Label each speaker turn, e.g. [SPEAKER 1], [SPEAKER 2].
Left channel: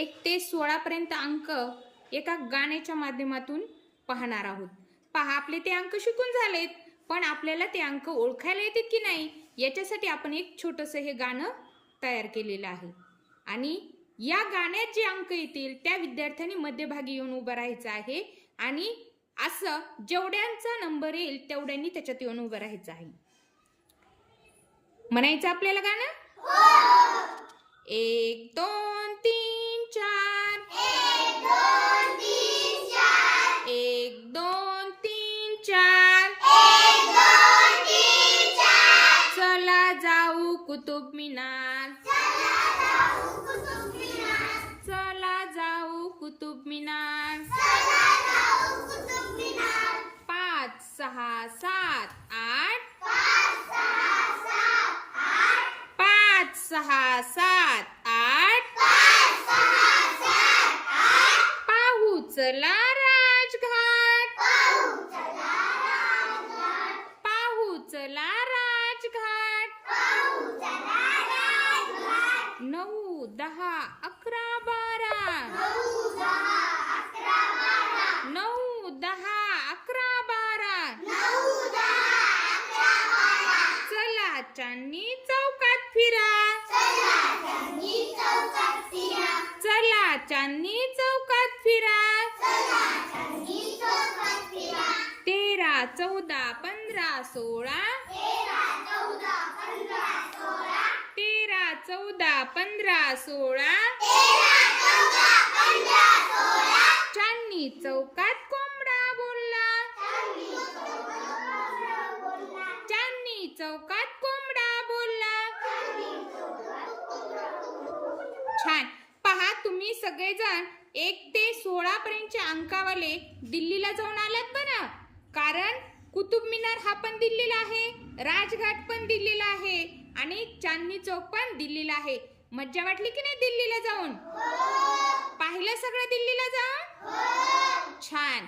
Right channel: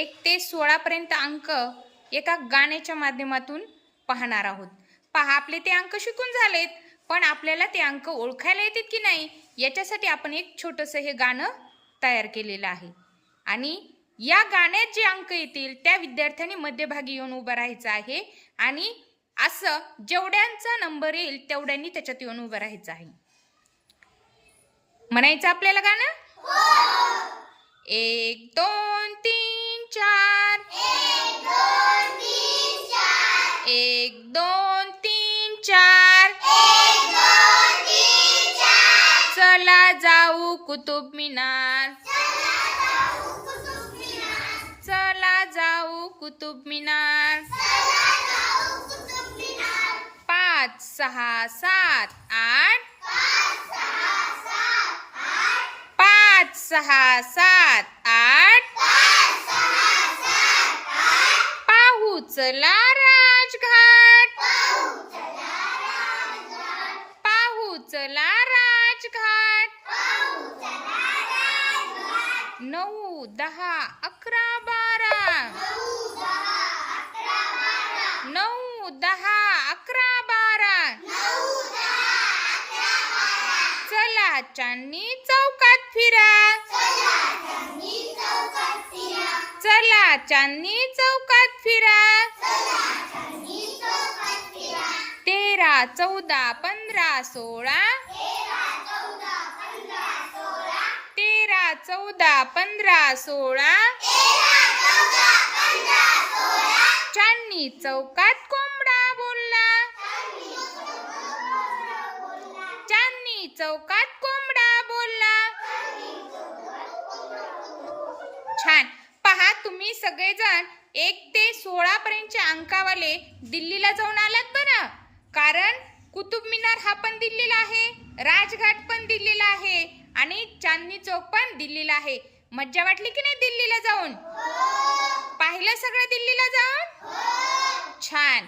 [SPEAKER 1] एक ते सोळापर्यंत अंक एका गाण्याच्या माध्यमातून पाहणार आहोत. पहा आपले ते अंक शिकून झालेत पण आपल्याला ते अंक ओळखायला येतात की नाही याच्यासाठी आपण एक छोटंसं हे गाणं तयार केलेलं आहे. आणि या गाण्यात जे अंक येतील त्या विद्यार्थ्यांनी मध्यभागी येऊन उभं राहायचं आहे आणि असं जेवढ्यांचा नंबर येईल तेवढ्यांनी त्याच्यात येऊन उभं राहायचं आहे. म्हणायचं आपल्याला गाणं? एक दोन तीन. एक दोन तीन चार. चला जाऊ कुतुब मिनार. चला जाऊ कुतुब मिनार. पाच सहा सात आठ. पाच सहा सात आठ. पाहू चला राजघाट. चला राजघाट. नऊ दहा अकरा बारा. नऊ दहा अकरा बारा. चला चांदणी चौकात फिरा. चला चांदणी चौकात फिरा. चौदा पंधरा सोळा. तेरा चौदा पंधरा सोळा. चांदणी चौकात कोंबडा बोलला. चांदणी चौकात कोंबडा बोलला. छान. पहा तुम्ही सगळेजण एक ते सोळा पर्यंतच्या अंकावाले दिल्लीला जाऊन आलात बरं. कारण कुतुब मिनार हा पण दिल्लीला आहे राजघाट पण दिल्लीला आहे आणि चांदणी चौक पण दिल्लीला आहे. मज्जा वाटली की नाही दिल्लीला जाऊन? पाहिलं सगळं दिल्लीला जाऊन? छान.